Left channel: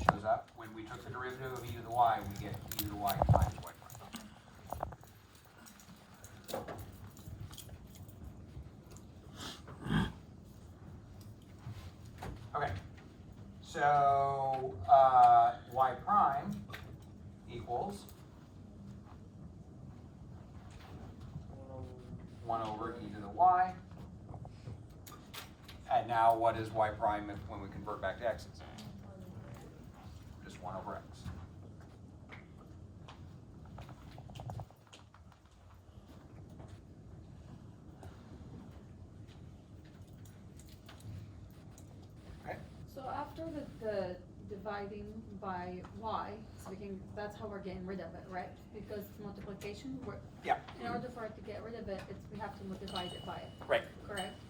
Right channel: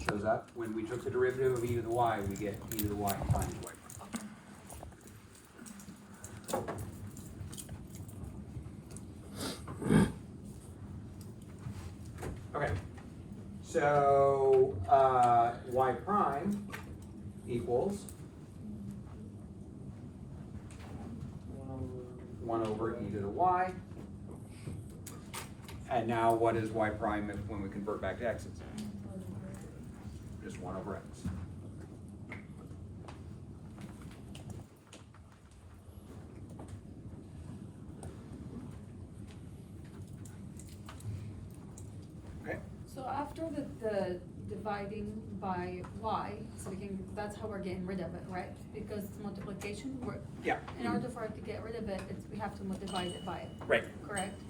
shows up. When we took the derivative of e to the y, we get e to the y times y prime. Okay, so y prime equals 1 over e to the y. And now what is y prime when we convert back to x's? Just 1 over x. Okay. So after the dividing by y, so we can, that's how we're getting rid of it, right? Because it's multiplication, Yeah. in order for it to get rid of it, we have to divide it by it. Right. Correct?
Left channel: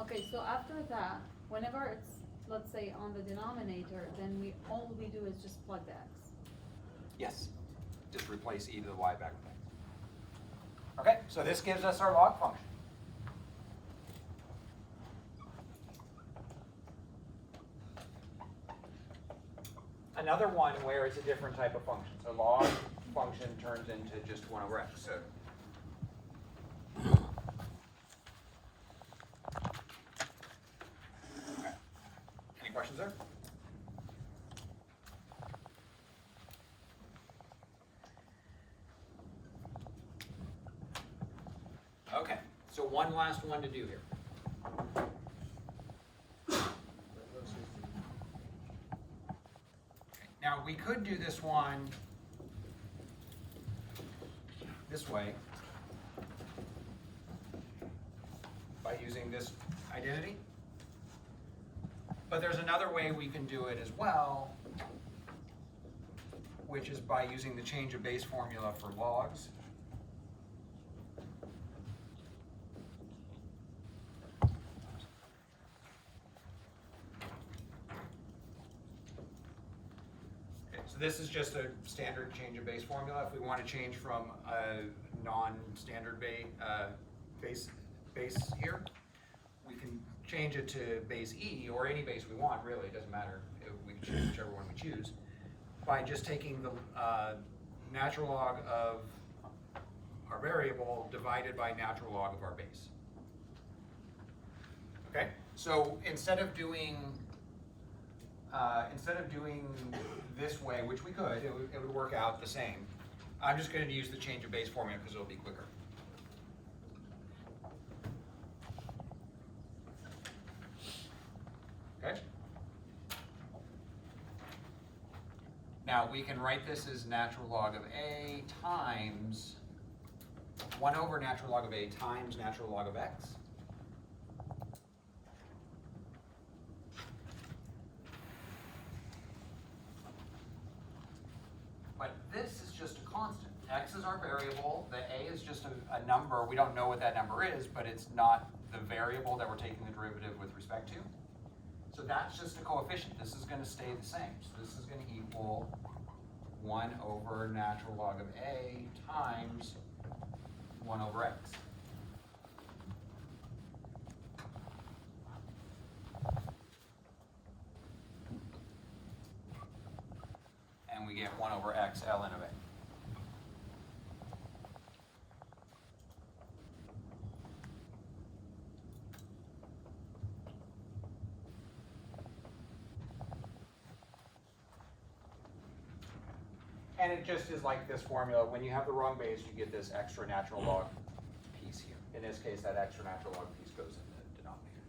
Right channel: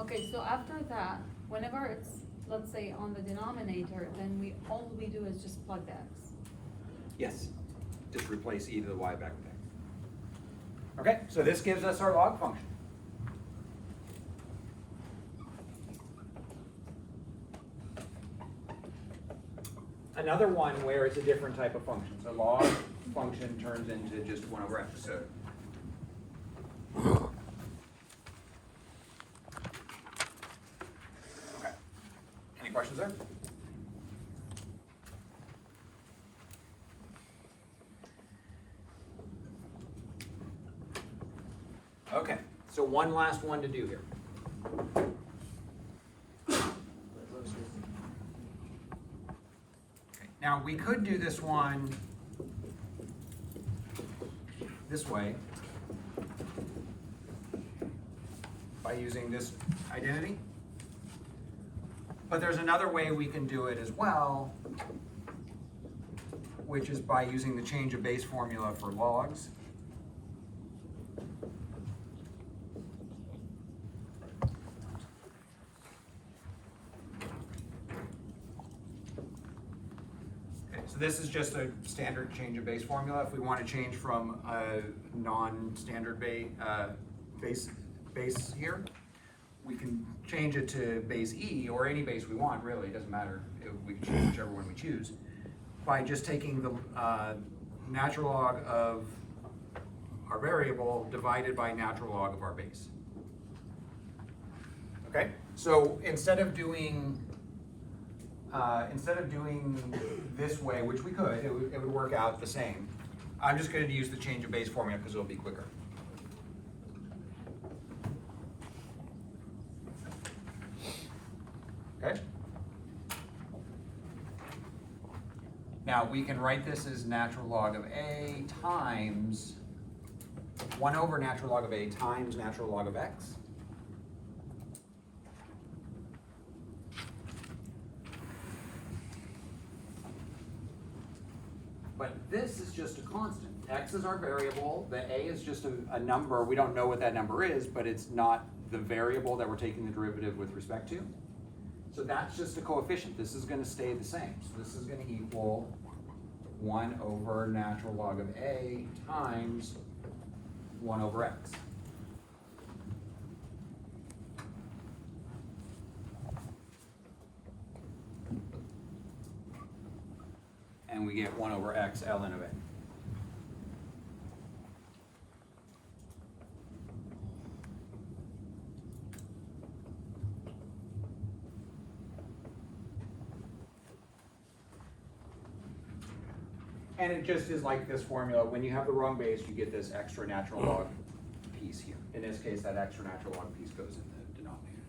Okay, so after that, whenever it's, let's say, on the denominator, then all we do is just plug the x. Yes. Just replace e to the y back with x. Okay, so this gives us our log function. Another one where it's a different type of function. So log function turns into just 1 over x. So okay. Any questions there? Okay, so one last one to do here. Now, we could do this one this way by using this identity. But there's another way we can do it as well, which is by using the change of base formula for logs. So this is just a standard change of base formula. If we want to change from a non-standard base here, we can change it to base E, or any base we want, really. It doesn't matter. We can choose whichever one we choose, by just taking the natural log of our variable divided by natural log of our base. Okay? So instead of doing this way, which we could, it would work out the same. I'm just going to use the change of base formula because it'll be quicker. Okay? Now we can write this as natural log of a times 1 over natural log of a times natural log of x. But this is just a constant. X is our variable, the a is just a number. We don't know what that number is, but it's not the variable that we're taking the derivative with respect to. So that's just a coefficient. This is going to stay the same. So this is going to equal 1 over natural log of a times 1 over x. And we get 1 over x ln of a. And it just is like this formula. When you have the wrong base, you get this extra natural log piece here. In this case, that extra natural log piece goes in the denominator.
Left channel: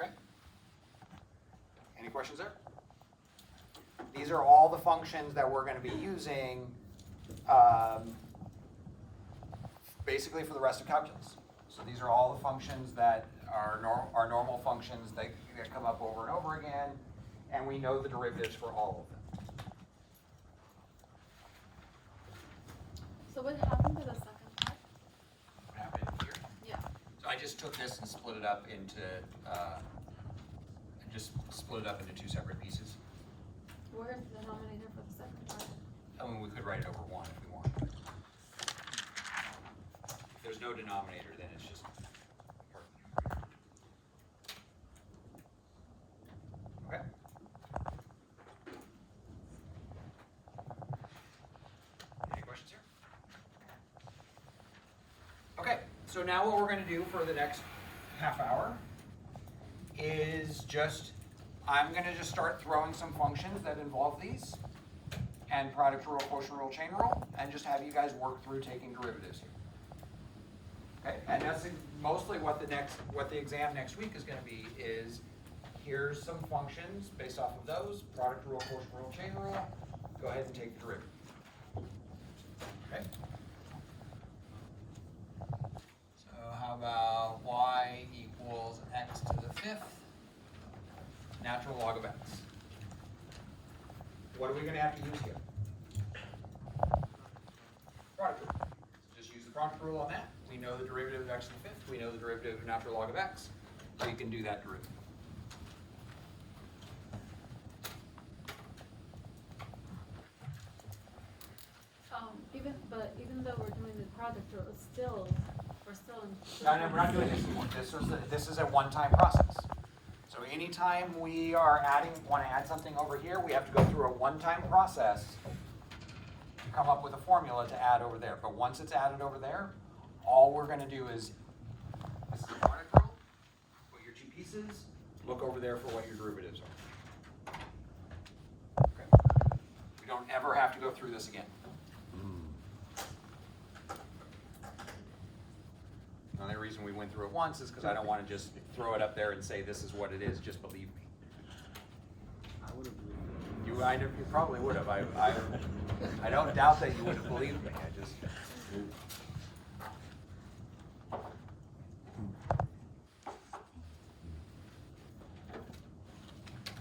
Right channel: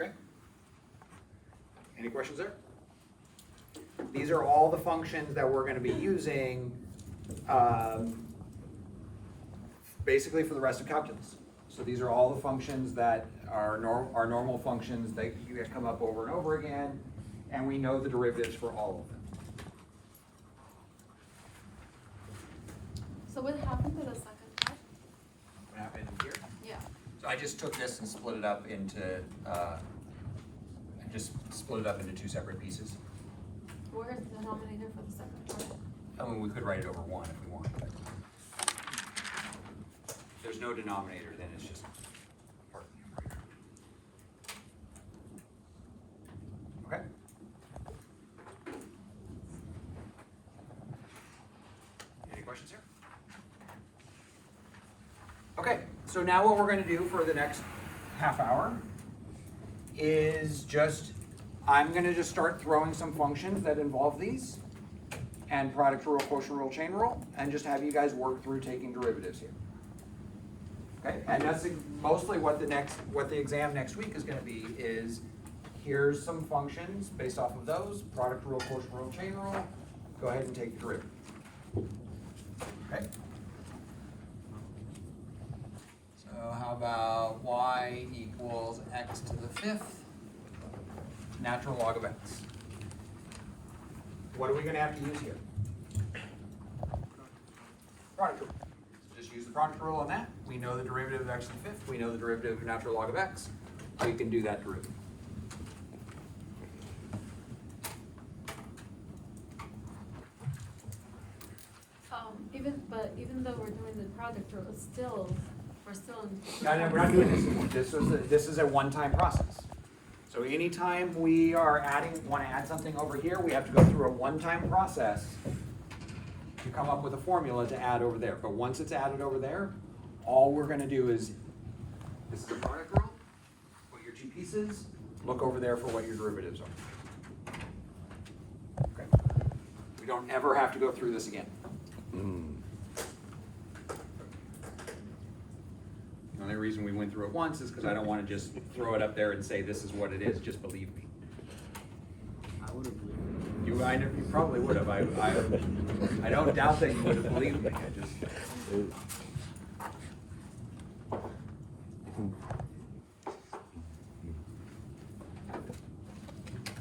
Okay. Any questions there? These are all the functions that we're going to be using basically for the rest of calculus. So these are all the functions that are normal functions that you come up over and over again, and we know the derivatives for all of them. So what happened to the second part? What happened here? Yeah. So I just took this and split it up into two separate pieces. Where's the denominator for the second part? I mean, we could write it over 1 if we want, but if there's no denominator, then it's just part of the numerator. So now what we're gonna do for the next half hour is I'm gonna just start throwing some functions that involve these and product rule, quotient rule, chain rule, and just have you guys work through taking derivatives here. Okay, and that's mostly what the exam next week is gonna be is, here's some functions based off of those, product rule, quotient rule, chain rule, go ahead and take the derivative. Okay. So how about y equals x to the 5th natural log of x? What are we gonna have to use here? Product rule. So just use the product rule on that. We know the derivative of x to the 5th. We know the derivative of natural log of x. We can do that derivative. Even though we're doing the product rule, we're still in. No, we're not doing this anymore. This is a one-time process. So anytime we are want to add something over here, we have to go through a one-time process to come up with a formula to add over there. But once it's added over there, all we're going to do is, this is a product rule, put your two pieces, look over there for what your derivatives are. Okay. We don't ever have to go through this again. The only reason we went through it once is because I don't want to just throw it up there and say this is what it is, just believe me. I would agree. You probably would have. I don't doubt that you would have believed me. I just.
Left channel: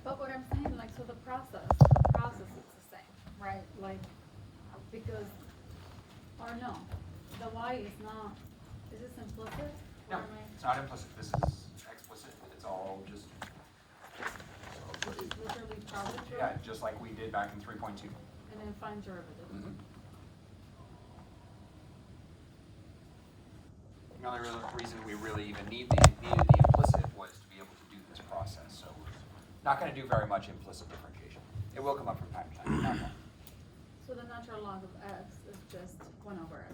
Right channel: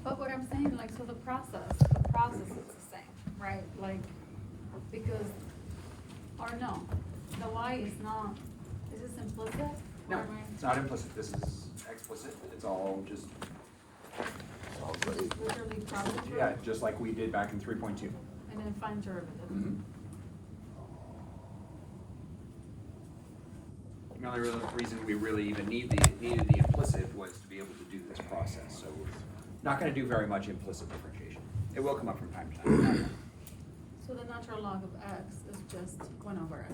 But what I'm saying, like, so the process is the same, right? Like, because, or no, the y is not, is this implicit? No, Or am I- it's not implicit. This is explicit. It's all just, Literally product rule, yeah, just like we did back in 3.2. and then find derivative. The only reason we really even needed the implicit was to be able to do this process. So we're not going to do very much implicit differentiation. It will come up from time to time. So the natural log of x is just 1 over x.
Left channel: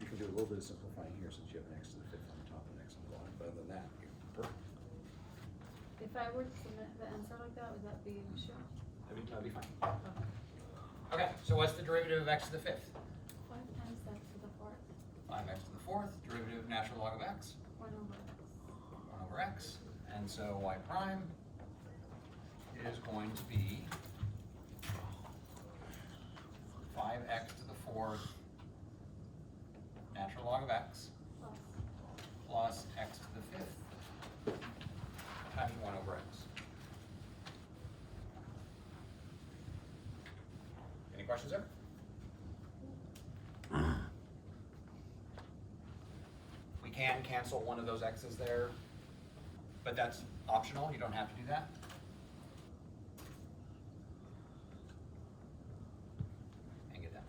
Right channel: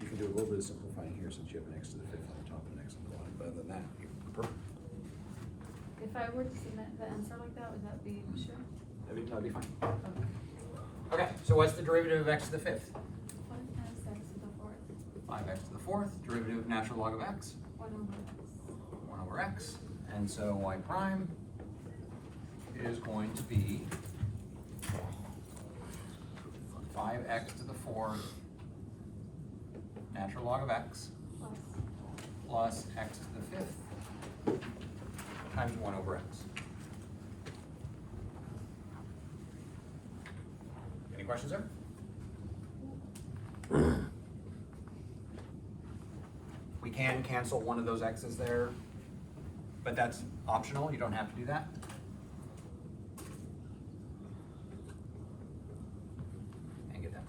You can do a little bit of simplifying here since you have an x to the 5th on the top and an x on the bottom, but other than that, you're perfect. If I were to submit the answer like that, would that be sure? That'd be fine. Okay. Okay, so what's the derivative of x to the 5th? 1 times x to the 4th, 5x to the 4th, derivative of natural log of x, 1 over x. 1 over x. And so y prime is going to be 5x to the 4th natural log of x plus x to the 5th times 1 over x. Any questions there? We can cancel one of those x's there, but that's optional. You don't have to do that. And get that.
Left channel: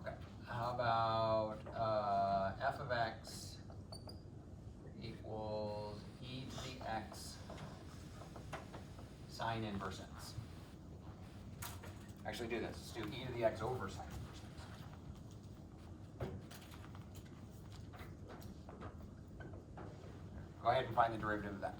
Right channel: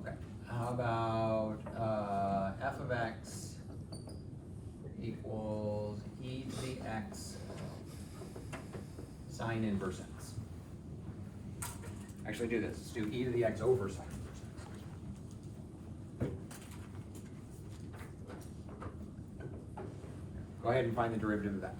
Okay. How about f of x equals e to the x sine inverse x? Actually do this, let's do e to the x over sine inverse x. Go ahead and find the derivative of that.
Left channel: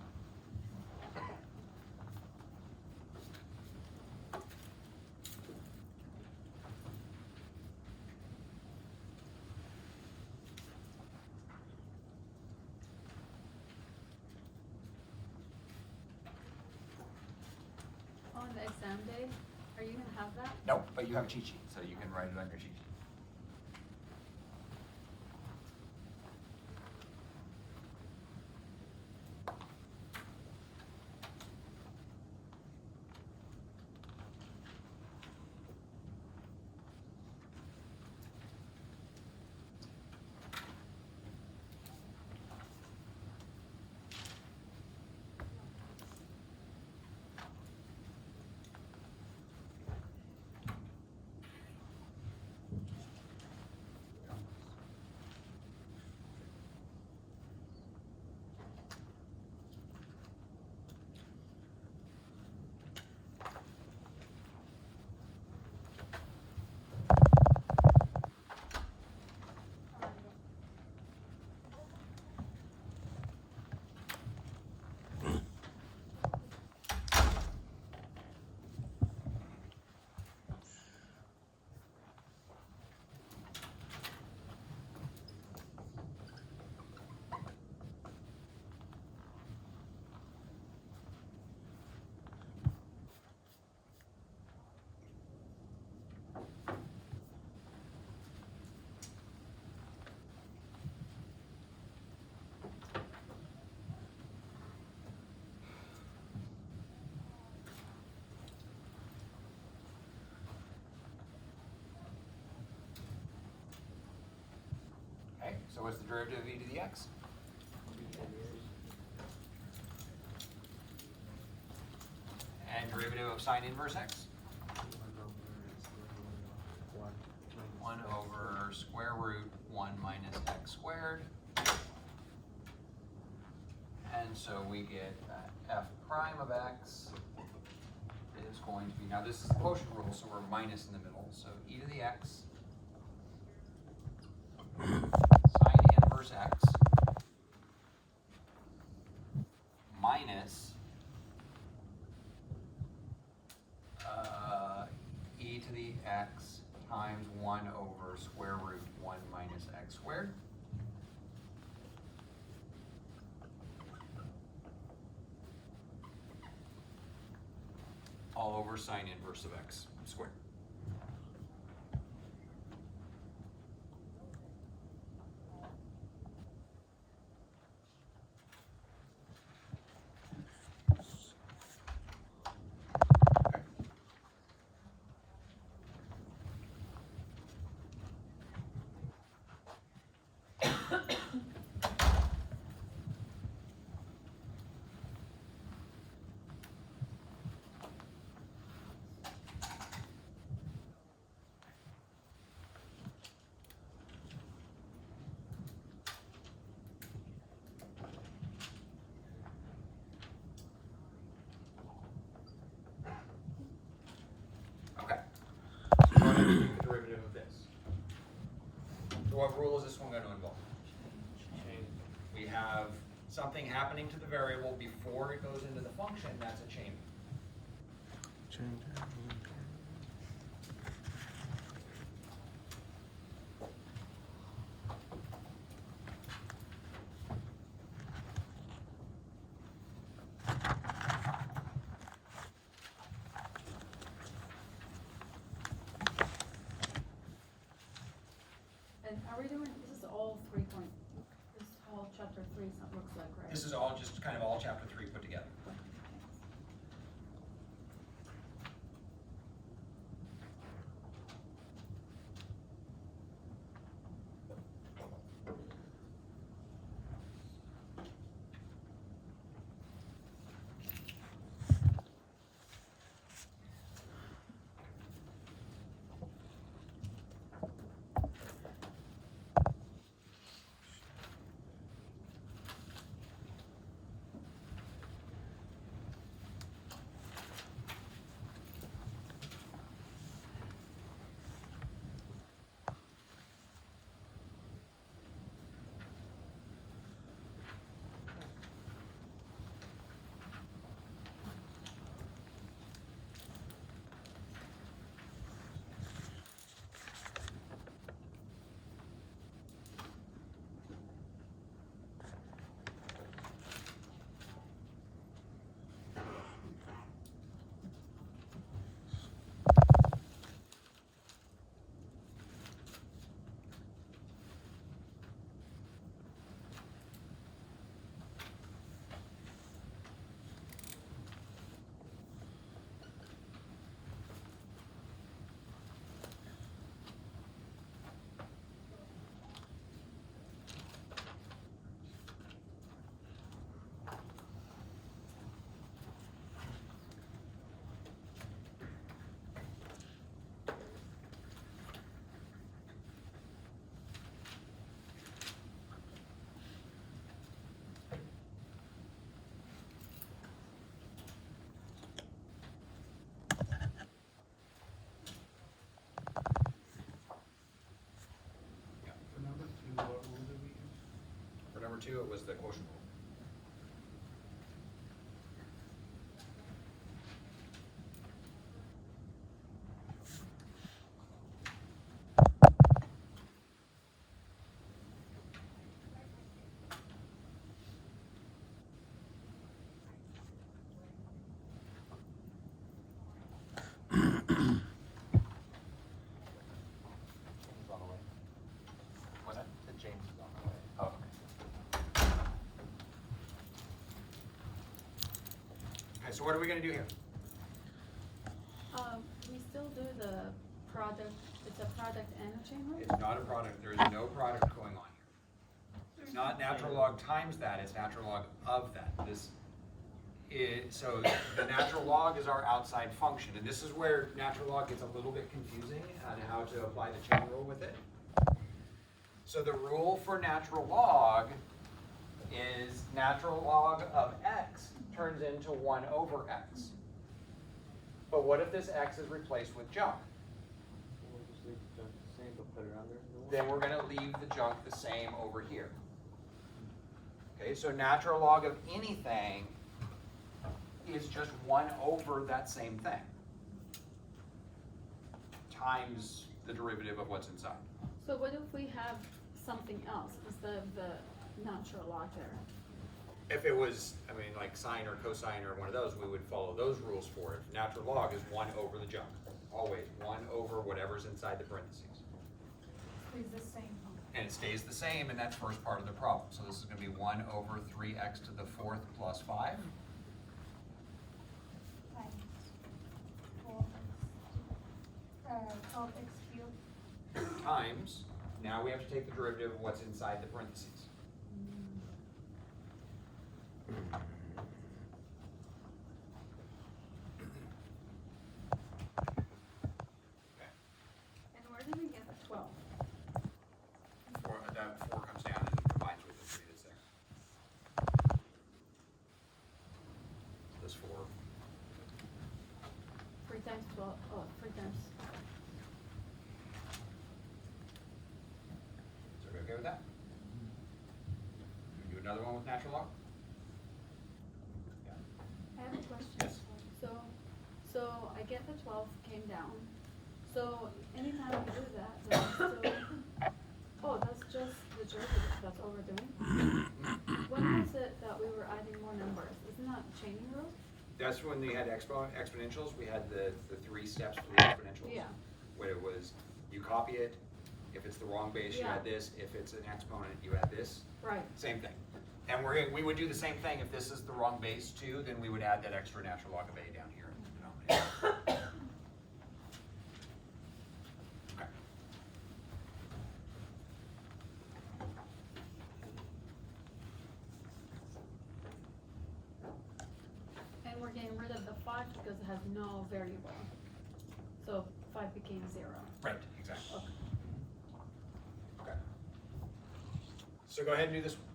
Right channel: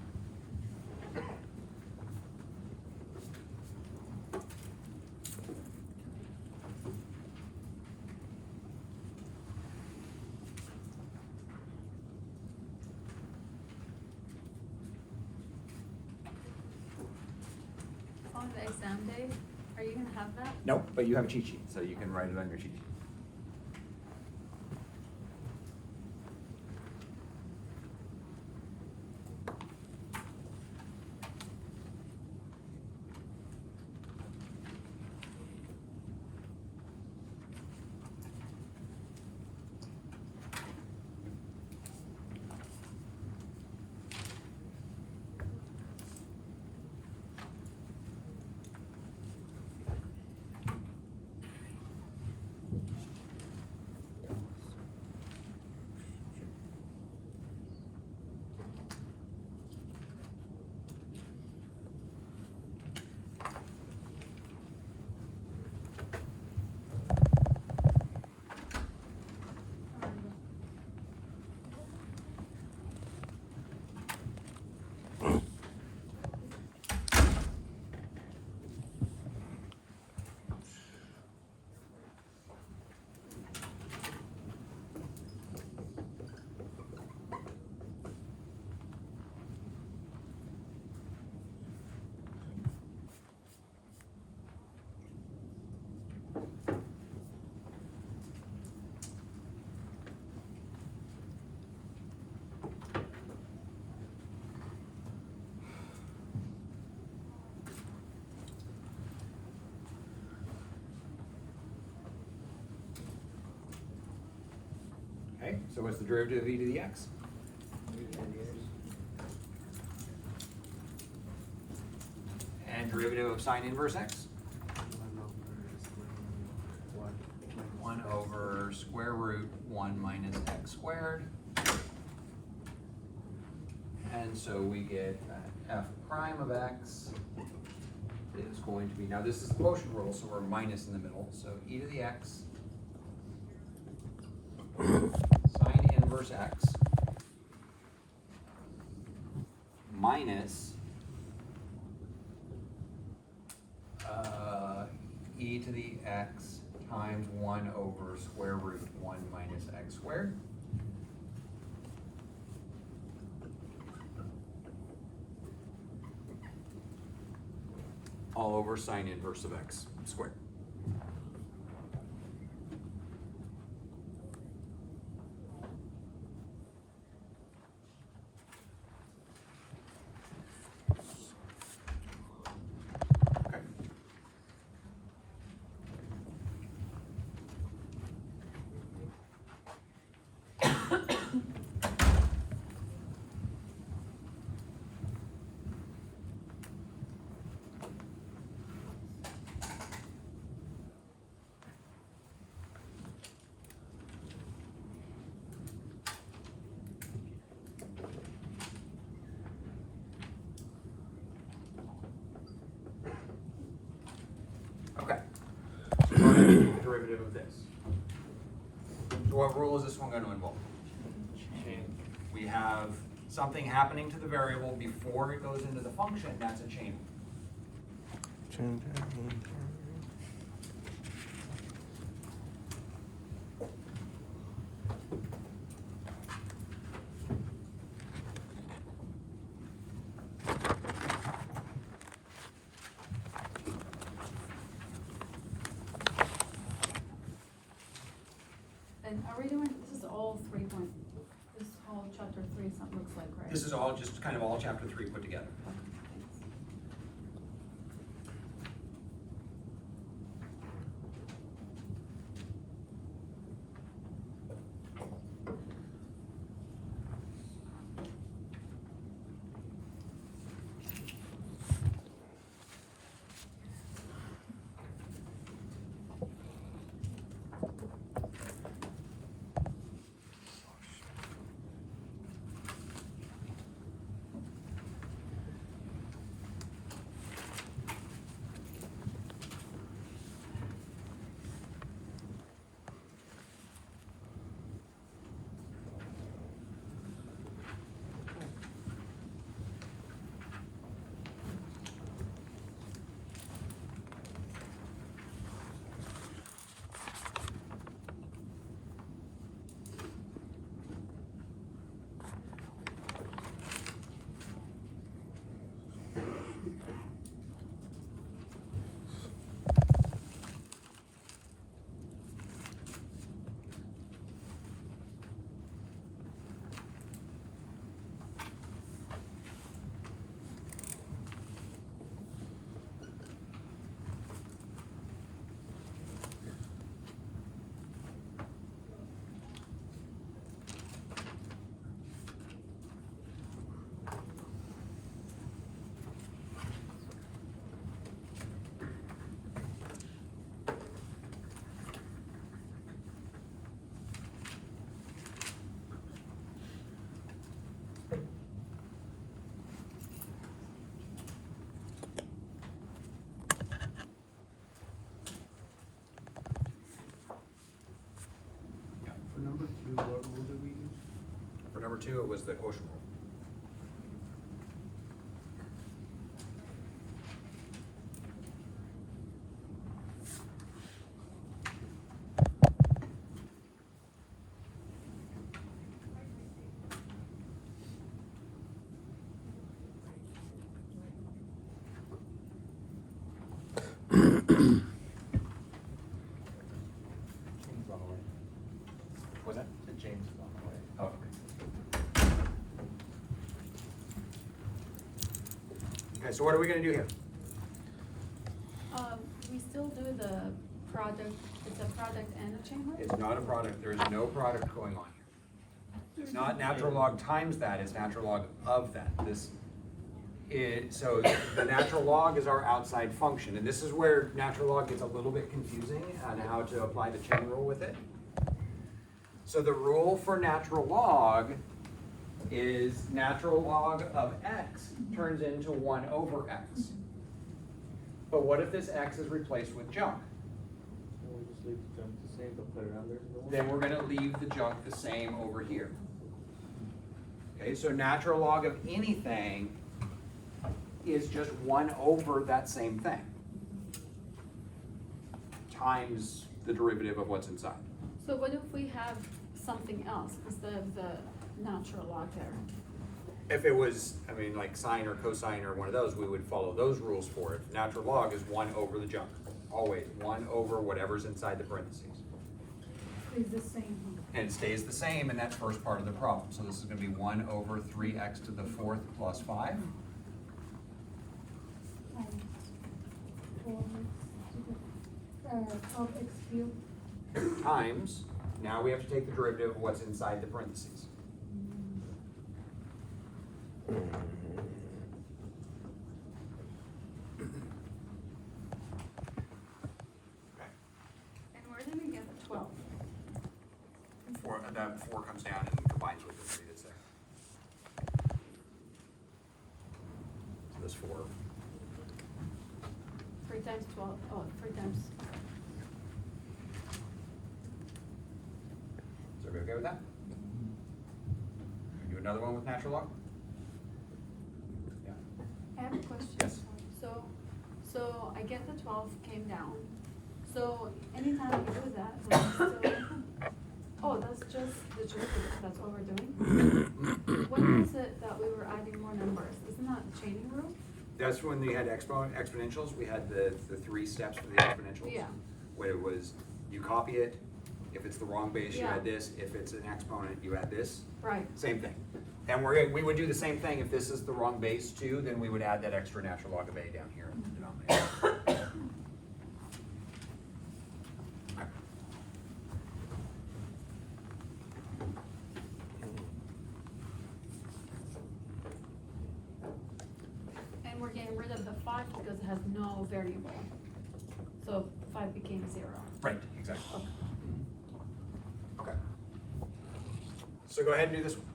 On the exam day, are you gonna have that? Nope, but you have a cheat sheet, so you can write it on your cheat sheet. Okay, so what's the derivative of e to the x? And derivative of sine inverse x? 1 over square root 1 minus x squared. And so we get f prime of x is going to be, now this is the quotient rule, so we're minus in the middle, so e to the x sine inverse x minus e to the x times 1 over square root 1 minus x squared. All over sine inverse of x squared. Okay. Derivative of this. So what rule is this one going to involve? We have something happening to the variable before it goes into the function. That's a chain. And are we doing, this is all 3 point, this whole chapter 3 something looks like, right? This is all just kind of all chapter 3 put together. the quotient rule. What's that? James. Oh. Okay, so what are we gonna do here? We still do the project, it's a project and a chain rule? It's not a product, there is no product going on here. It's not natural log times that, it's natural log of that. So the natural log is our outside function, and this is where natural log gets a little bit confusing on how to apply the chain rule with it. So the rule for natural log is natural log of x turns into 1 over x. But what if this x is replaced with junk? We'll just leave the junk the same, but put it under the one. Then we're gonna leave the junk the same over here. Okay, so natural log of anything is just 1 over that same thing times the derivative of what's inside. So what if we have something else instead of the natural log there? If it was, I mean, like sine or cosine or one of those, we would follow those rules for it. Natural log is 1 over the junk, always 1 over whatever's inside the parentheses. Is the same. And it stays the same, and that's first part of the problem. So this is gonna be 1 over 3x to the 4th plus 5. And 12x cubed. Times, now we have to take the derivative of what's inside the parentheses. Okay, And where did we get the 12? that 4 comes down and combines with the 3 that's there. So this 4. 3 times 12, oh, 3 times. Is everybody okay with that? Do another one with natural log? Yeah. I have a question. Yes. So I get the 12 came down. So anytime we do that, then we still, oh, that's just the trick, that's what we're doing? When was it that we were adding more numbers? Isn't that a chaining rule? That's when they had exponentials, we had the 3 steps for the exponentials. Yeah. Where it was, you copy it, if it's the wrong base, you add Yeah. this, if it's an exponent, you add this. Right. Same thing. And we would do the same thing, if this is the wrong base too, then we would add that extra natural log of a down here in the denominator. Okay. And we're getting rid of the 5 because it has no variable. So 5 became 0. Right, exactly. Okay. So go ahead and do this one.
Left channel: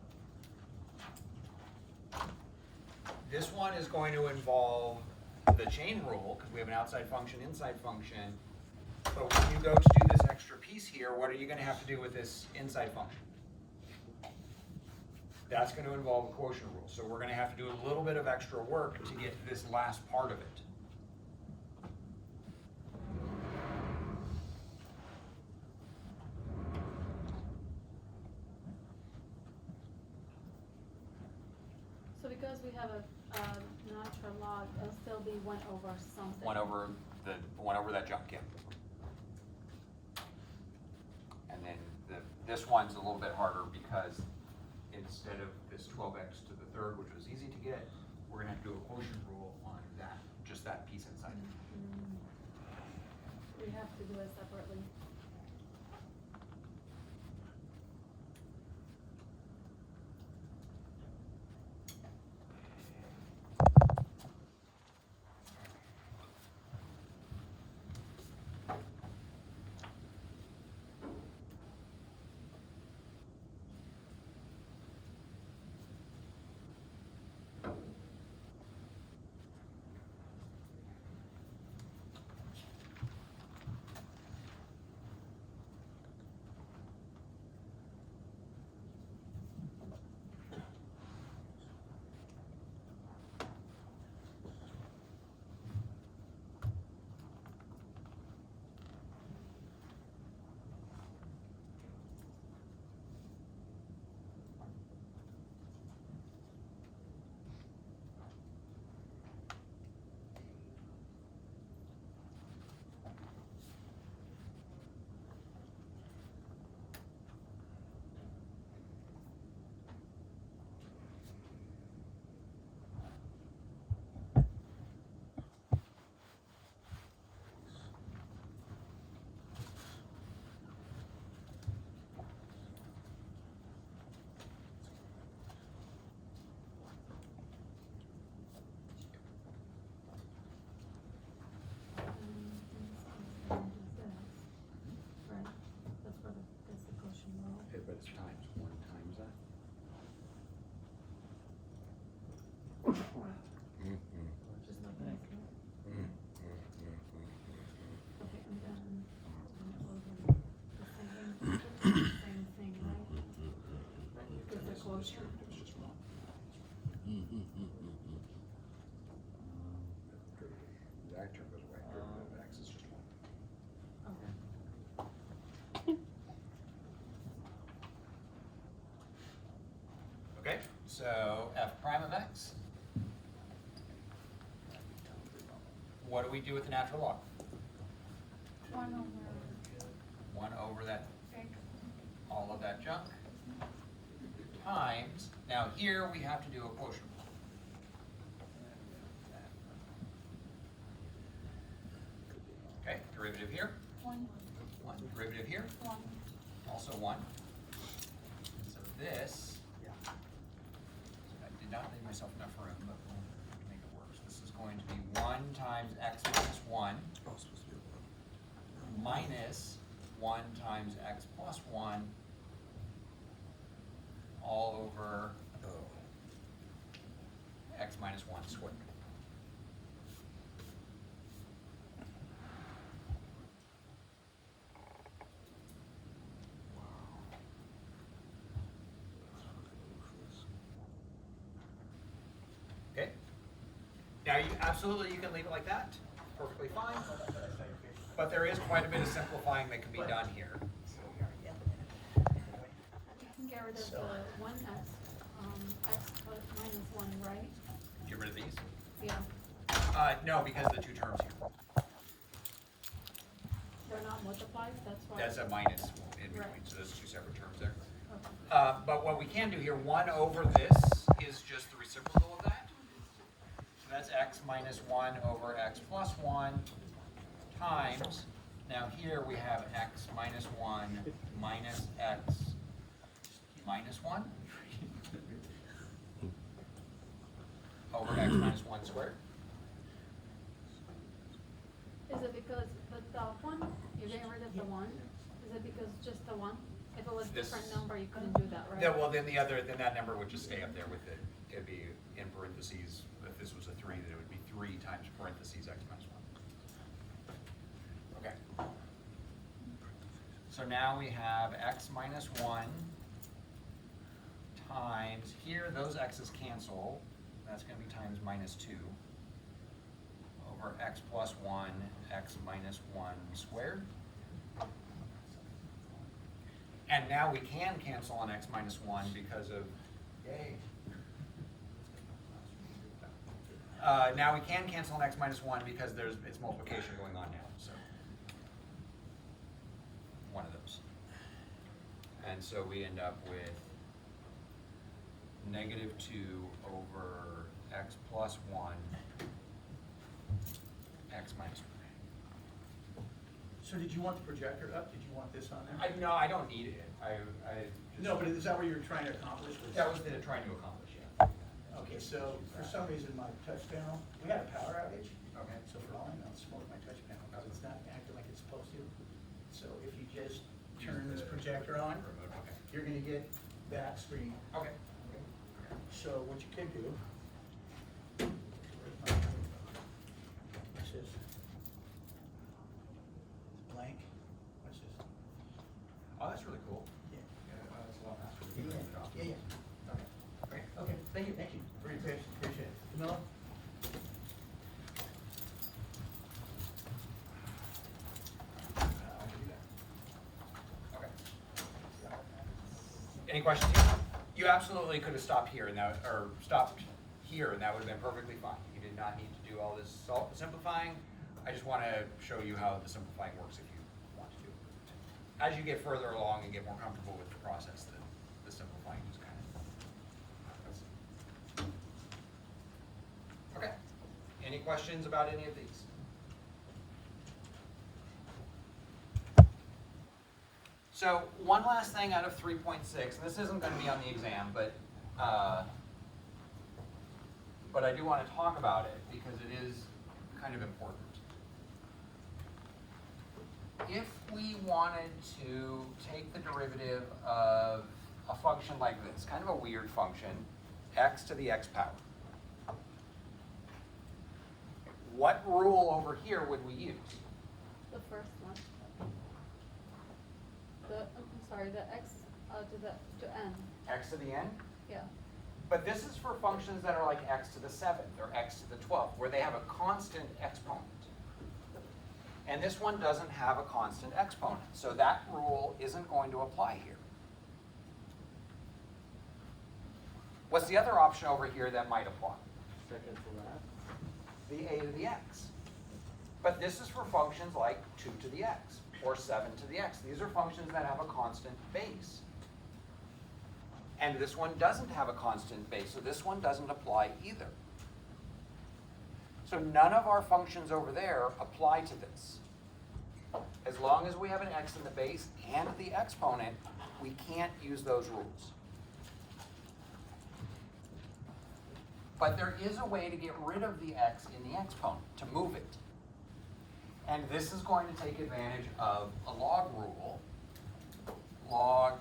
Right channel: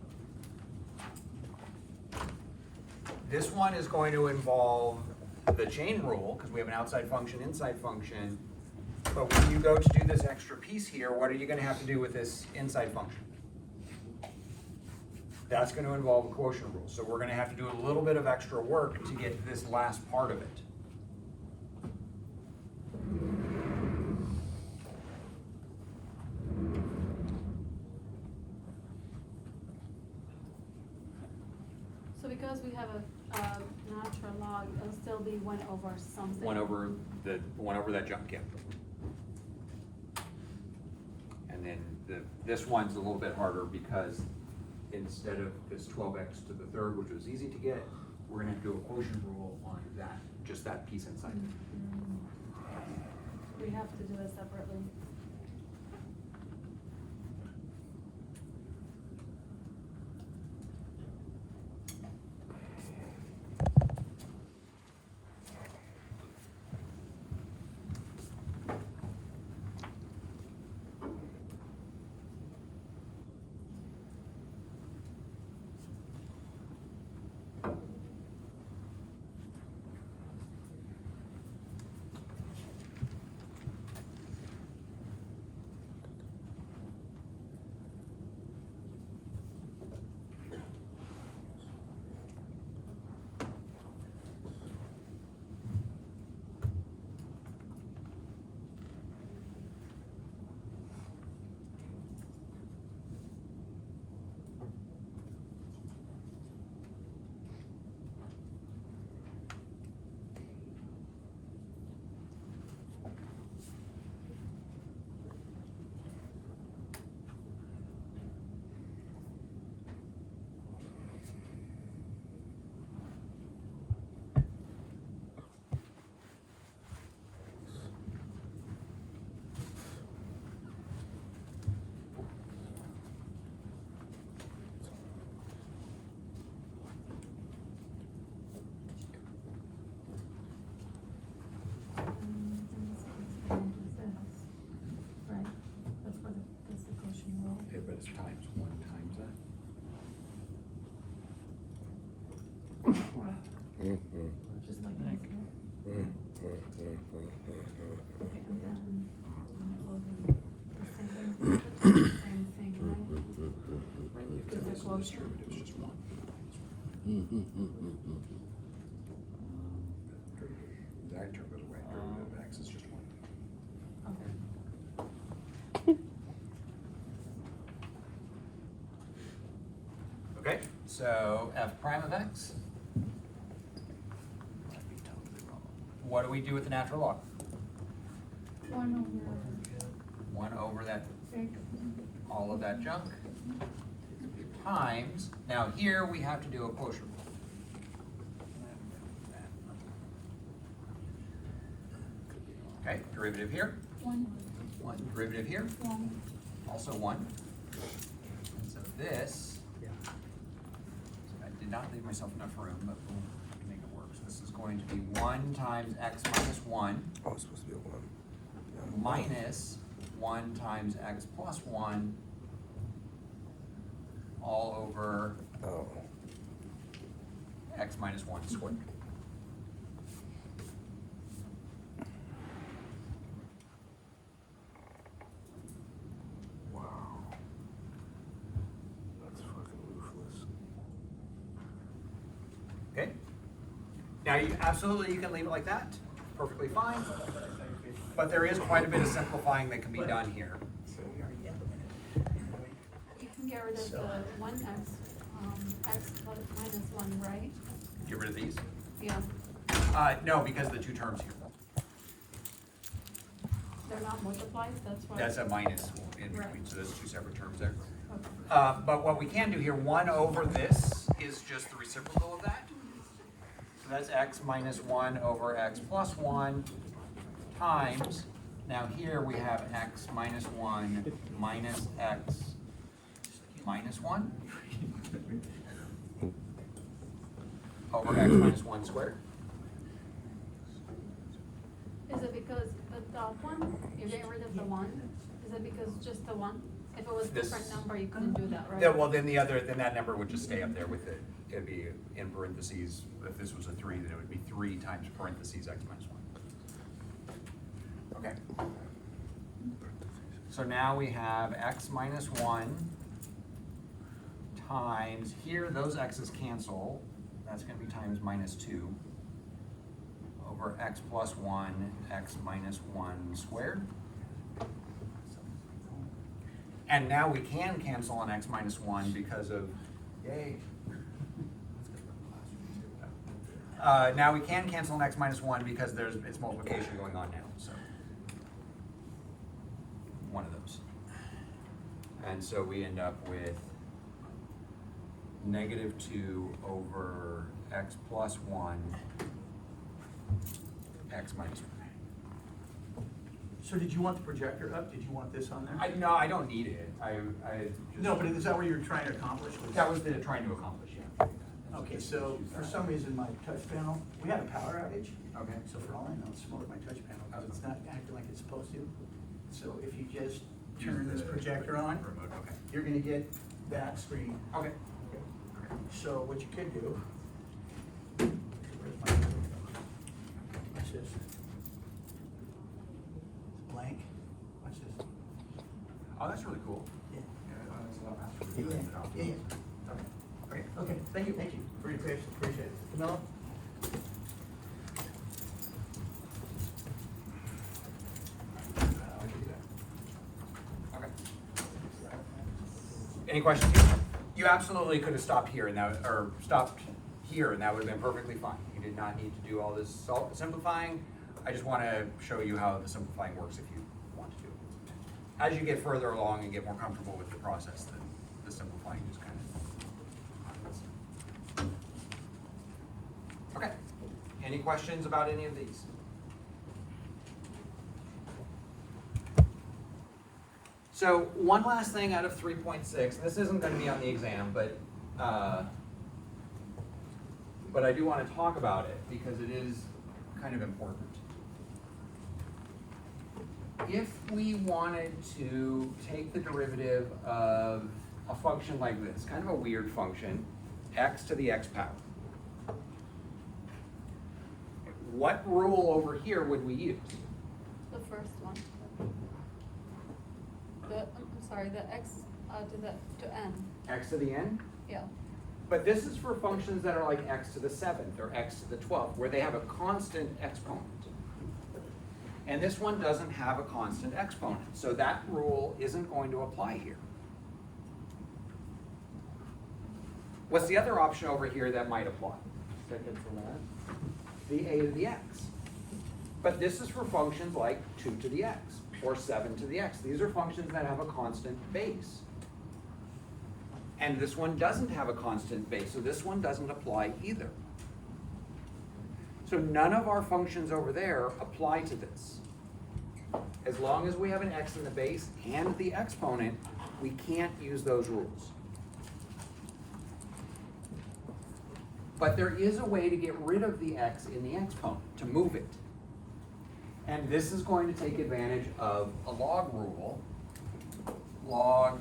This one is going to involve the chain rule, because we have an outside function, inside function. But when you go to do this extra piece here, what are you gonna have to do with this inside function? That's gonna involve a quotient rule. So we're gonna have to do a little bit of extra work to get to this last part of it. So because we have a natural log, it'll still be 1 over something. 1 over that junk, yeah. And then this one's a little bit harder because instead of this 12x to the 3rd, which was easy to get, we're gonna have to do a quotient rule on that, just that piece inside. We have to do it separately. I turned it away. X is just one. Okay, so f prime of x. What do we do with the natural log? 1 over that, X. all of that junk, times, now here we have to do a quotient. Okay, derivative here, 1, 1, derivative here, 1. also 1. And so this, I did not leave myself enough room, but we'll make it work. So this is going to be 1 times x minus 1 Oh, it's supposed to be a 1. minus 1 times x plus 1 all over Oh. x minus 1 squared. Wow. That's fucking ruthless. Okay? Now you absolutely you can leave it like that, perfectly fine. But there is quite a bit of simplifying that can be done here. You can get rid of the one x plus minus 1, right? Get rid of these. Yeah, No, because of the two terms here. they're not multiplied, that's why. That's a minus in between, so there's two separate terms there. Okay. But what we can do here, 1 over this is just the reciprocal of that. So that's x minus 1 over x plus 1 times, now here we have x minus 1 minus x minus 1 over x minus 1 squared. Is it because the top one, you get rid of the 1? Is it because just the 1? If it was This- different number, you couldn't do that, right? Yeah, well, then that number would just stay up there with it. It'd be in parentheses. If this was a 3, then it would be 3 times parentheses x minus 1. Okay. So now we have x minus 1 times, here those x's cancel. That's going to be times minus 2 over x plus 1, x minus 1 squared. And now we can cancel an x minus 1 because of, yay. Now we can cancel an x minus 1 because it's multiplication going on now, so. One of those. And so we end up with negative 2 over x plus 1, x minus 1. So did you want the projector up? Did you want this on there? No, I don't need it. I just. No, but is that what you're trying to accomplish? That was the trying to accomplish, yeah. Okay, so for some reason my touch panel, we had a power outage. Okay. So for all I know, it's smoked my touch panel, because it's not acting like it's supposed to. So if you just turn this projector on, Okay. you're gonna get that screen. Okay. So what you could do. Watch this. Blank, watch this. Oh, that's really cool. Yeah. Yeah. Yeah. Okay, great. Okay, thank you for your patience, appreciate it. Camilla? Okay. Any questions? You absolutely could have stopped here and that, or stopped here and that would have been perfectly fine. You did not need to do all this simplifying. I just want to show you how the simplifying works if you want to do it. As you get further along and get more comfortable with the process, then the simplifying is kind of. Okay. Any questions about any of these? So one last thing out of 3.6, this isn't going to be on the exam, but I do want to talk about it because it is kind of important. If we wanted to take the derivative of a function like this, kind of a weird function, x to the x power, what rule over here would we use? The first one. The x to n. X to the n? Yeah. But this is for functions that are like x to the 7th or x to the 12th, where they have a constant exponent. And this one doesn't have a constant exponent, so that rule isn't going to apply here. What's the other option over here that might apply? Second from last. The a to the x. But this is for functions like 2 to the x or 7 to the x. These are functions that have a constant base. And this one doesn't have a constant base, so this one doesn't apply either. So none of our functions over there apply to this. As long as we have an x in the base and the exponent, we can't use those rules. But there is a way to get rid of the x in the exponent, to move it. And this is going to take advantage of a log rule. Log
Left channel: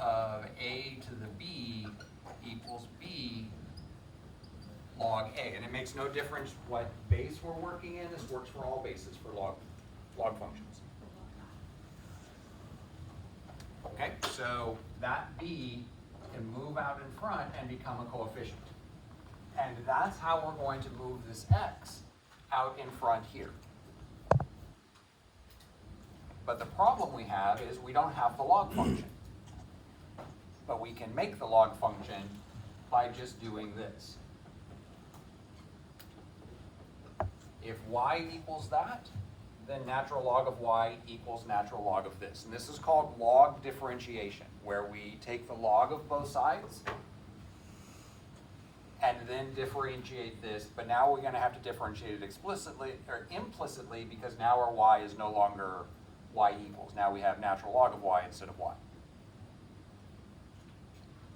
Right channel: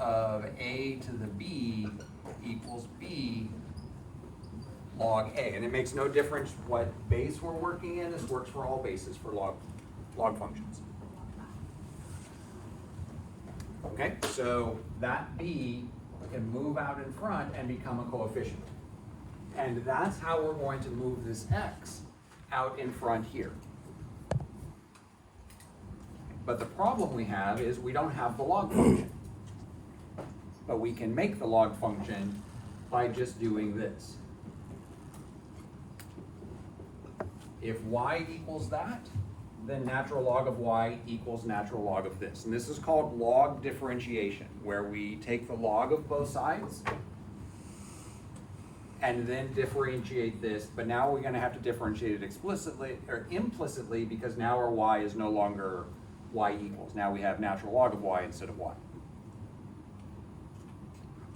of a to the b equals b log a. And it makes no difference what base we're working in. This works for all bases for log functions. Okay, so that b can move out in front and become a coefficient. And that's how we're going to move this x out in front here. But the problem we have is we don't have the log function. But we can make the log function by just doing this. If y equals that, then natural log of y equals natural log of this. And this is called log differentiation, where we take the log of both sides and then differentiate this, but now we're gonna have to differentiate it explicitly or implicitly because now our y is no longer y equals. Now we have natural log of y instead of y.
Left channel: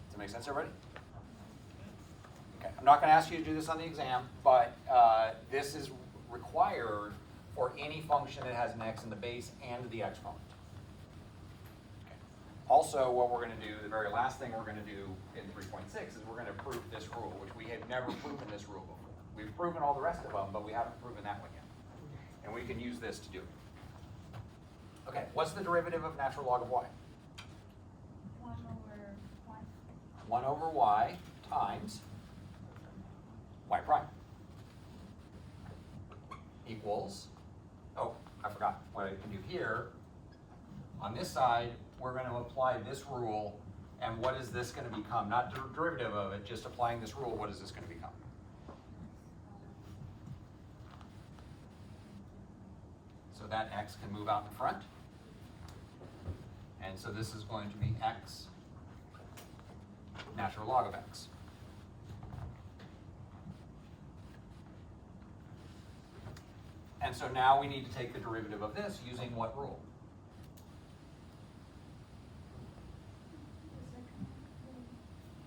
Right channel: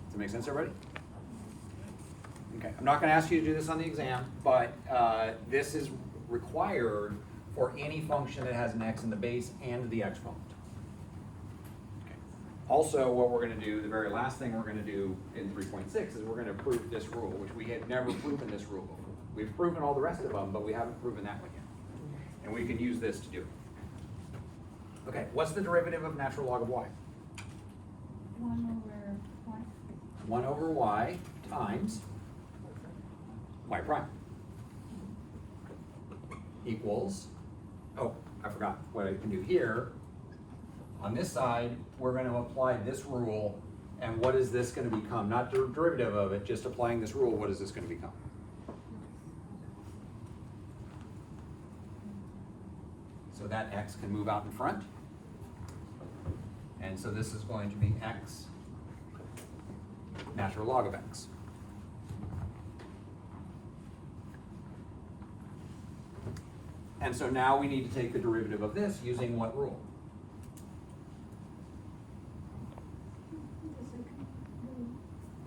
Does that make sense, everybody? Okay, I'm not gonna ask you to do this on the exam, but this is required for any function that has an x in the base and the exponent. Okay. Also, what we're gonna do, the very last thing we're gonna do in 3.6 is we're gonna prove this rule, which we have never proven this rule before. We've proven all the rest of them, but we haven't proven that one yet. And we can use this to do it. Okay, what's the derivative of natural log of y? 1 over y. 1 over y times y prime equals, oh, I forgot what I can do here. On this side, we're going to apply this rule, and what is this going to become? Not the derivative of it, just applying this rule, what is this going to become? So that x can move out in front. And so this is going to be x natural log of x. And so now we need to take the derivative of this using what rule?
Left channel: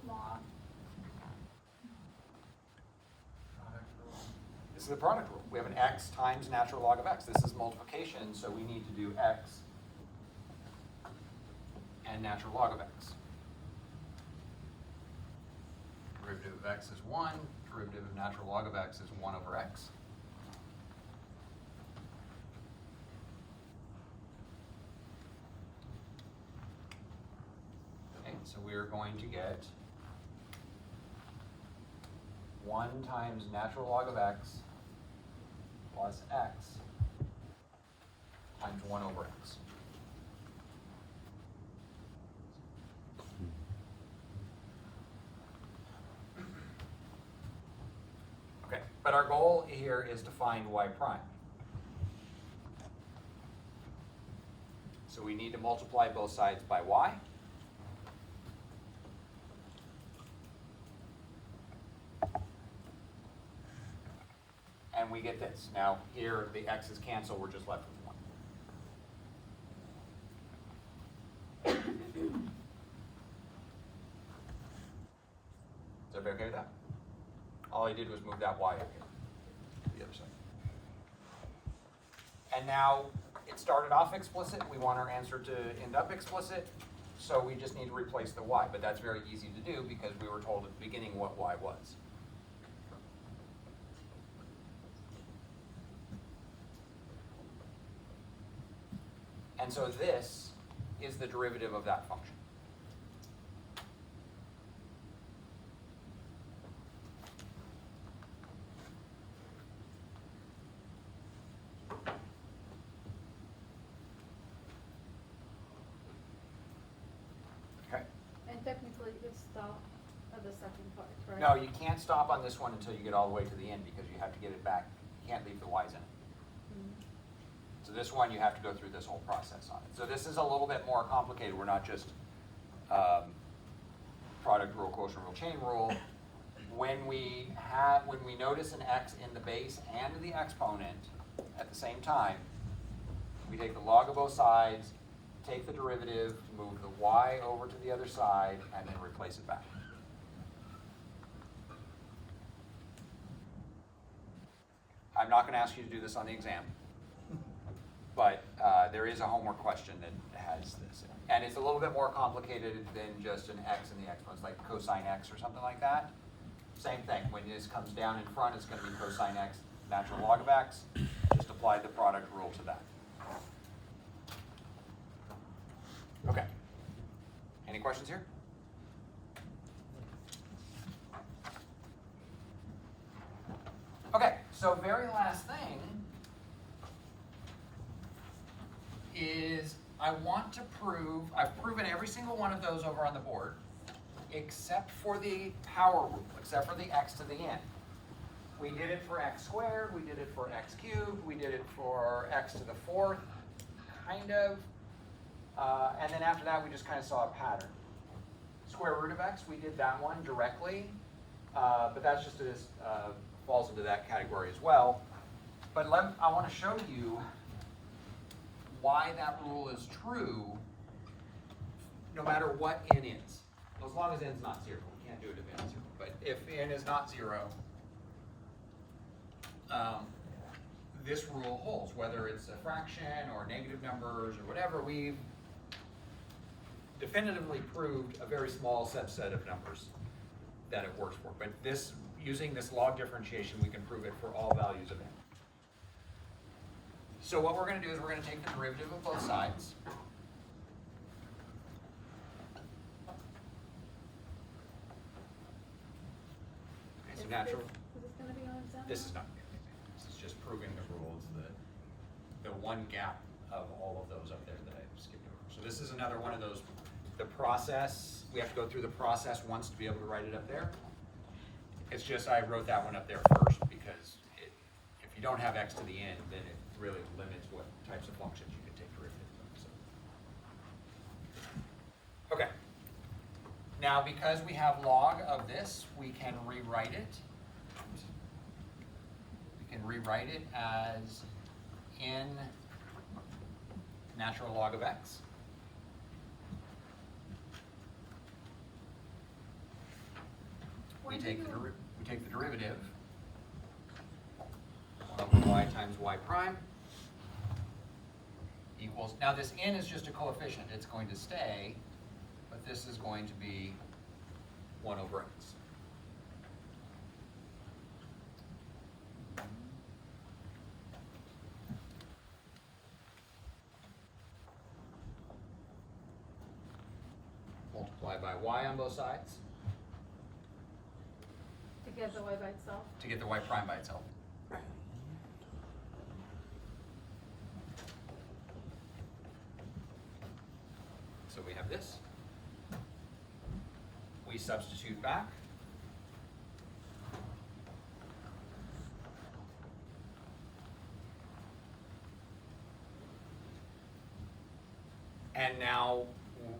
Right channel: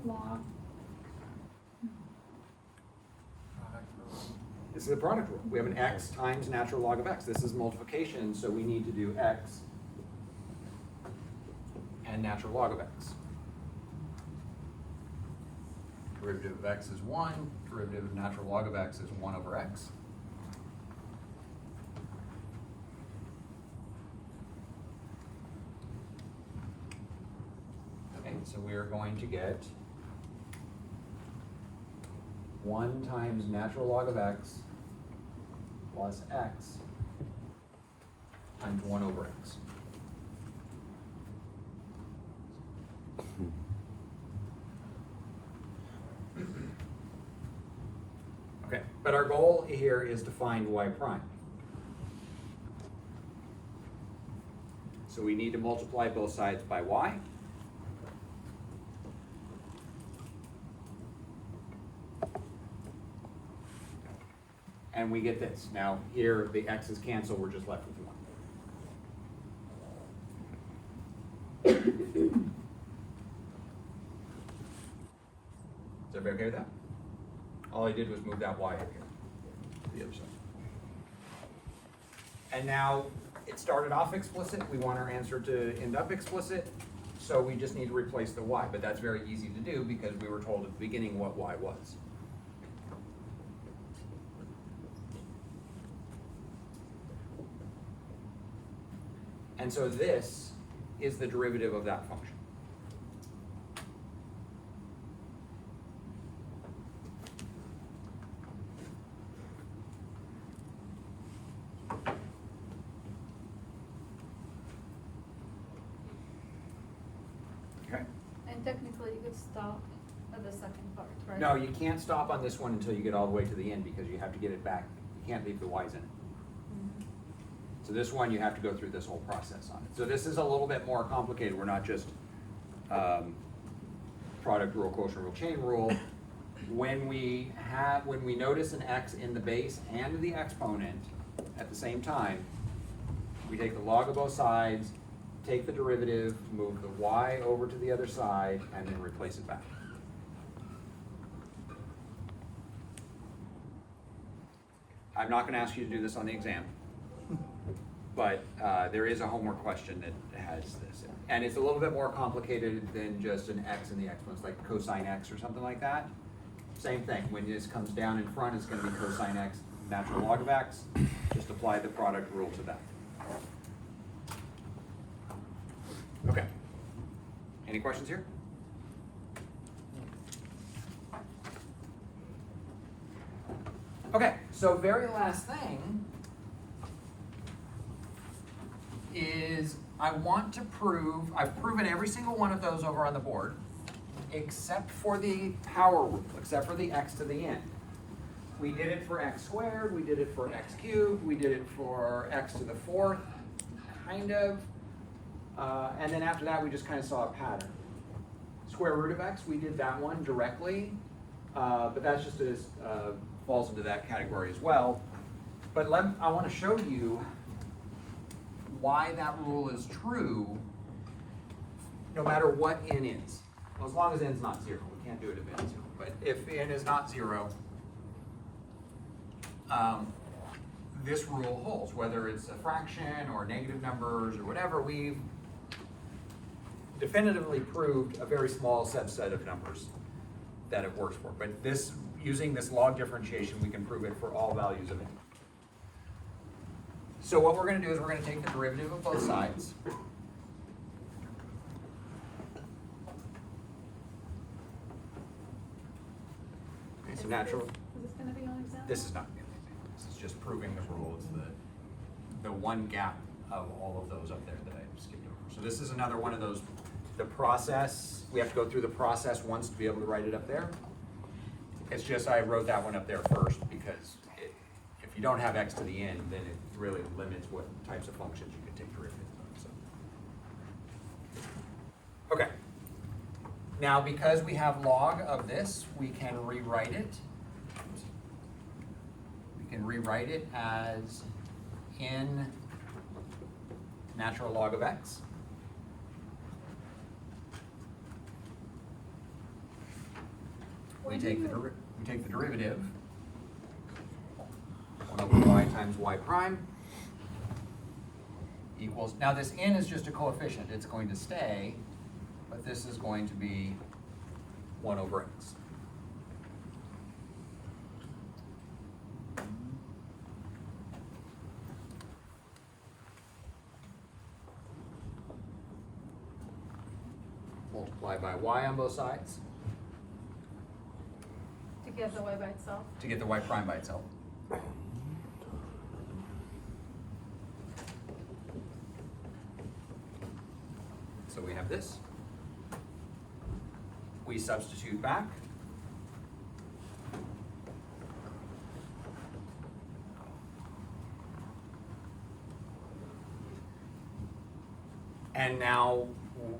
Log. This is the product rule. We have an x times natural log of x. This is multiplication, so we need to do x and natural log of x. Derivative of x is 1. Derivative of natural log of x is 1 over x. Okay, so we are going to get 1 times natural log of x plus x times 1 over x. Okay, but our goal here is to find y prime. So we need to multiply both sides by y. And we get this. Now here the x's cancel, we're just left with 1. Is everybody okay with that? All I did was move that y over here, the other side. And now it started off explicit. We want our answer to end up explicit. So we just need to replace the y, but that's very easy to do because we were told at the beginning what y was. And so this is the derivative of that function. No, you can't stop on this one until you get all the way to the end, because you have to get it back, you can't leave the Y's in. So this one, you have to go through this whole process on it. So this is a little bit more complicated, we're not just, product rule, quotient rule, chain rule. When we notice an x in the base and the exponent at the same time, we take the log of both sides, take the derivative, move the y over to the other side, and then replace it back. I'm not gonna ask you to do this on the exam, but there is a homework question that has this. And it's a little bit more complicated than just an x in the exponents, like cosine x or something like that. Same thing, when this comes down in front, it's gonna be cosine x, natural log of x. Just apply the product rule to that. Okay. Any questions here? Okay, so very last thing is I want to prove, I've proven every single one of those over on the board, except for the power rule, except for the x to the n. We did it for x squared, we did it for x cubed, we did it for x to the fourth, kind of. And then after that, we just kind of saw a pattern. Square root of x, we did that one directly, but that's just as, falls into that category as well. But I want to show you why that rule is true, no matter what n is. Well, as long as n is not 0, we can't do it if n is 0. But if n is not 0, this rule holds, whether it's a fraction or negative numbers or whatever. We've definitively proved a very small subset of numbers that it works for. But this, using this log differentiation, we can prove it for all values of n. So what we're going to do is we're going to take the derivative of both sides. Okay, so natural. Is this gonna be an example? This is not an example. This is just proving the rule. It's the one gap of all of those up there that I skipped over. So this is another one of those, the process, we have to go through the process once to be able to write it up there. It's just I wrote that one up there first because if you don't have x to the n, then it really limits what types of functions you can take derivatives of. So. Okay. Now, because we have log of this, we can rewrite it. We can rewrite it as n natural log of x. We take the derivative, 1 over y times y prime equals, now this n is just a coefficient, it's going to stay, but this is going to be 1 over x. Multiply by y on both sides To get the y by itself? to get the y prime by itself. So we have this. We substitute back. And now,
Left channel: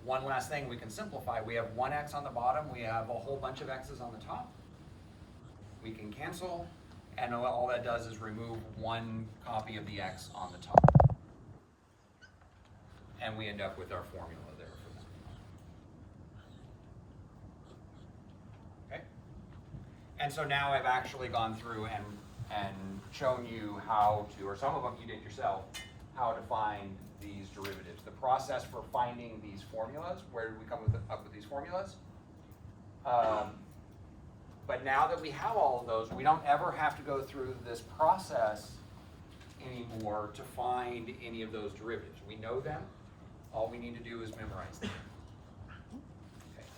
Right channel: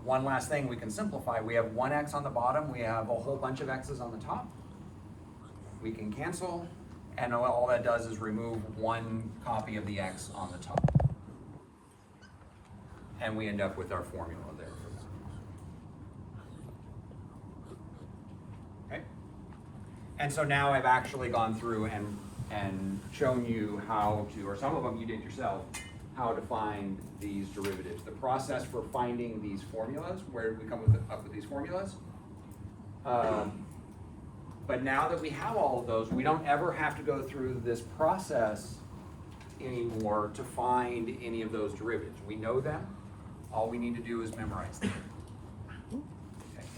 one last thing we can simplify. We have one x on the bottom, we have a whole bunch of x's on the top. We can cancel, and all that does is remove one copy of the x on the top. And we end up with our formula there. Okay? And so now I've actually gone through and shown you how to, or some of them you did yourself, how to find these derivatives. The process for finding these formulas, where did we come up with these formulas? But now that we have all of those, we don't ever have to go through this process anymore to find any of those derivatives. We know them. All we need to do is memorize them. Okay.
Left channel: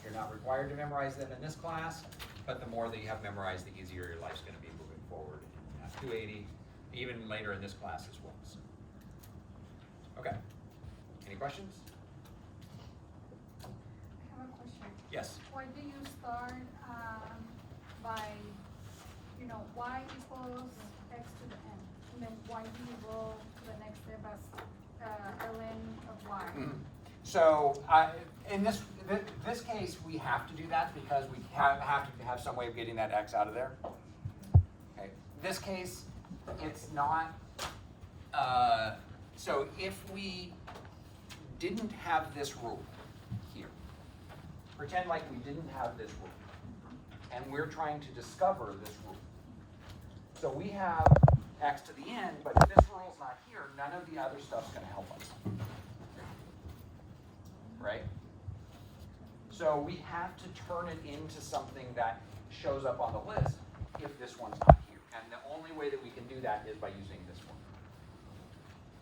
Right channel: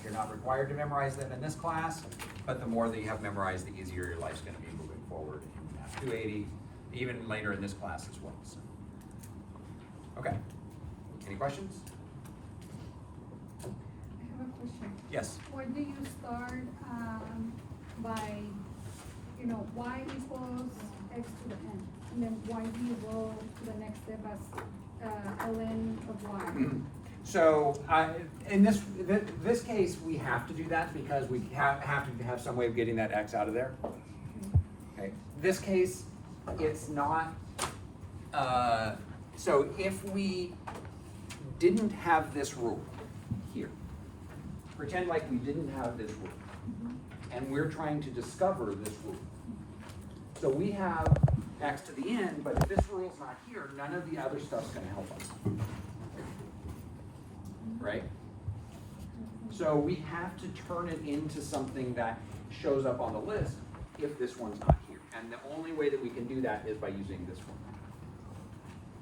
You're not required to memorize them in this class, but the more that you have memorized, the easier your life's going to be moving forward in Math 280, even later in this class as well. So. Okay. Any questions? I have a question. Yes. Where do you start by, you know, y equals x to the n. And then why do you go to the next step as, ln of y? So, in this case, we have to do that because we have to have some way of getting that x out of there. Okay, this case, it's not, so if we didn't have this rule here, pretend like we didn't have this rule, and we're trying to discover this rule. So we have x to the n, but if this rule's not here, none of the other stuff's gonna help us. Right? So we have to turn it into something that shows up on the list if this one's not here. And the only way that we can do that is by using this one.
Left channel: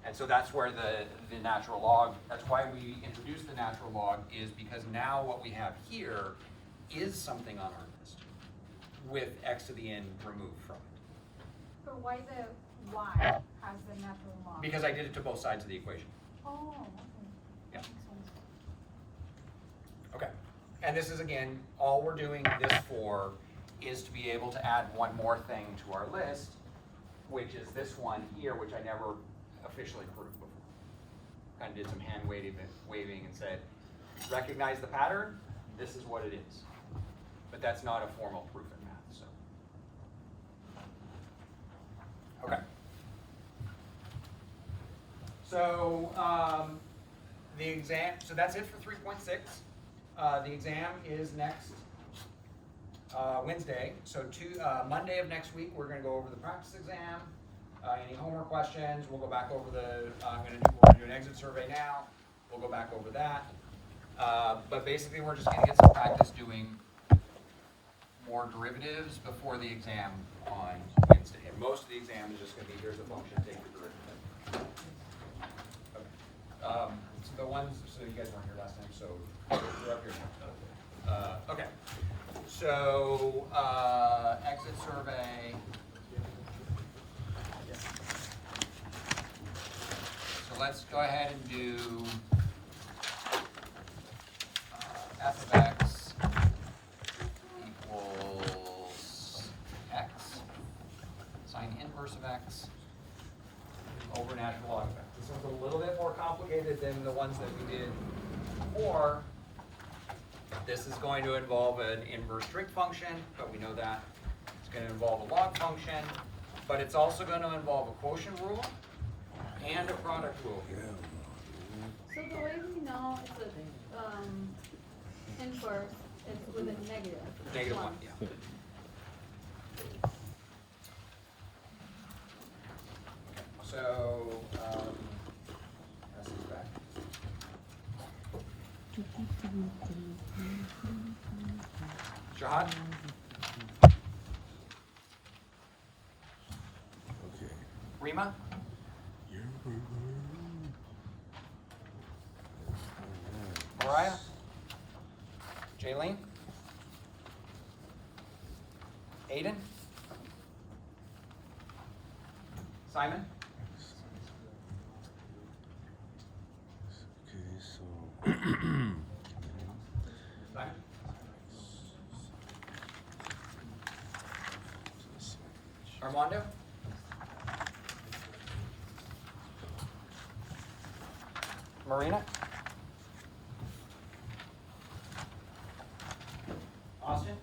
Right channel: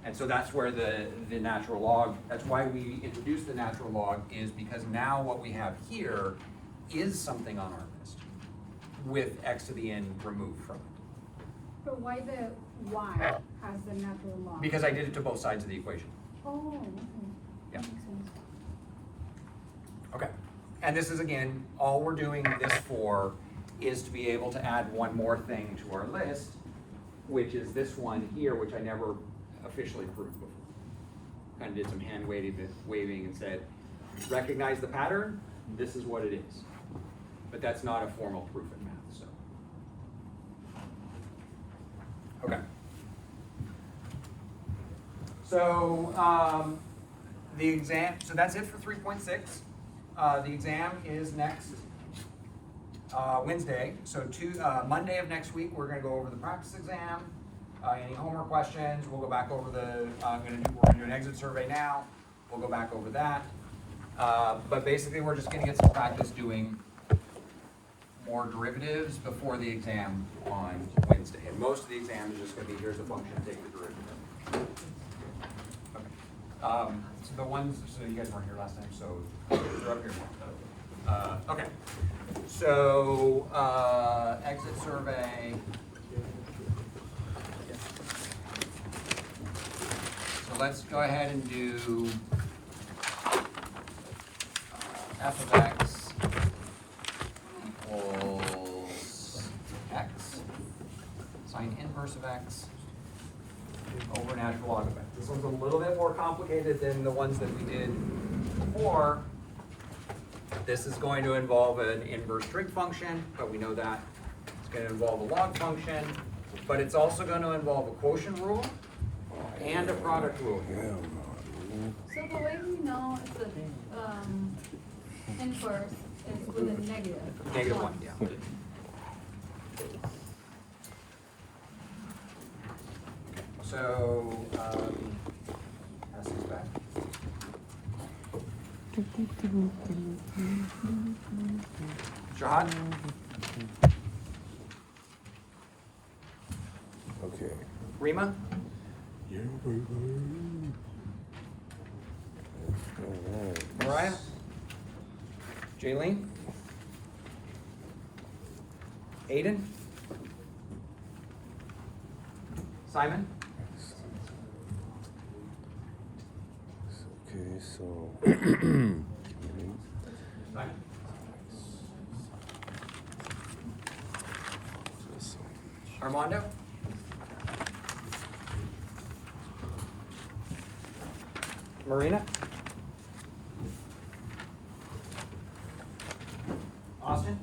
And so that's where the natural log, that's why we introduced the natural log, is because now what we have here is something on our list with x to the n removed from it. But why the y has the natural log? Because I did it to both sides of the equation. Oh, okay. Yeah. That makes sense. Okay, and this is again, all we're doing this for is to be able to add one more thing to our list, which is this one here, which I never officially proved before. Kind of did some hand waving and said, recognize the pattern, this is what it is. But that's not a formal proof in math, so. Okay. So, the exam, so that's it for 3.6. The exam is next Wednesday. So Monday of next week, we're gonna go over the practice exam. Any homework questions, we'll go back over we're gonna do an exit survey now. We'll go back over that. But basically, we're just gonna get some practice doing more derivatives before the exam on Wednesday. And most of the exam is just gonna be, here's the function, take the derivative. Okay. So the ones, so you guys weren't here last time, so you're up here now. Okay. So, exit survey. So let's go ahead and do f of x equals x, sine inverse of x over natural log of x. This one's a little bit more complicated than the ones that we did before. This is going to involve an inverse trig function, but we know that. It's going to involve a log function, but it's also going to involve a quotient rule and a product rule here. So the way we know the, inverse is with a negative. Negative one, yeah. So, pass this back. Shahad? Okay. Rima? Mariah? Jaylene? Aiden? Simon? Okay, so. Simon? Armando? Marina? Austin?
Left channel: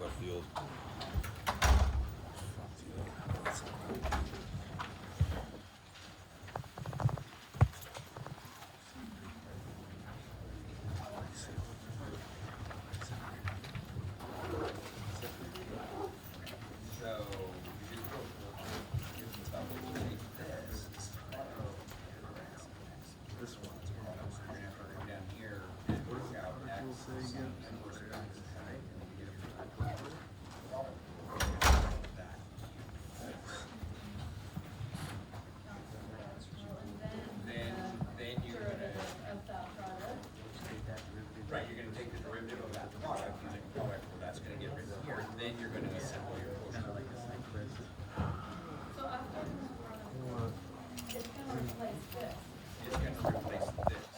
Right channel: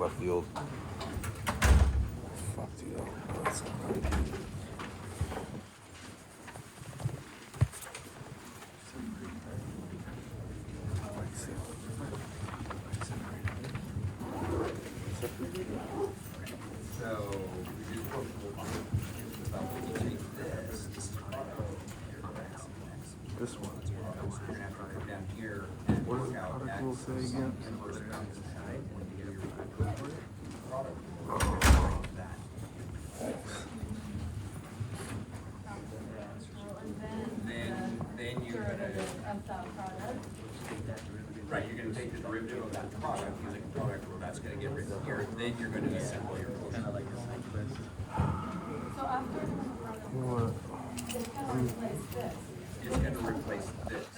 left field. Fuck, dude. That's not good. So, This one. we're gonna have to come down here and What does work the out product X rule say again? inverse X, right? When you do your product. That. Then you're gonna, right, you're gonna take the derivative of that product, using the product rule, that's gonna get written here, then you're gonna assemble your quotient. What? It's gonna replace this.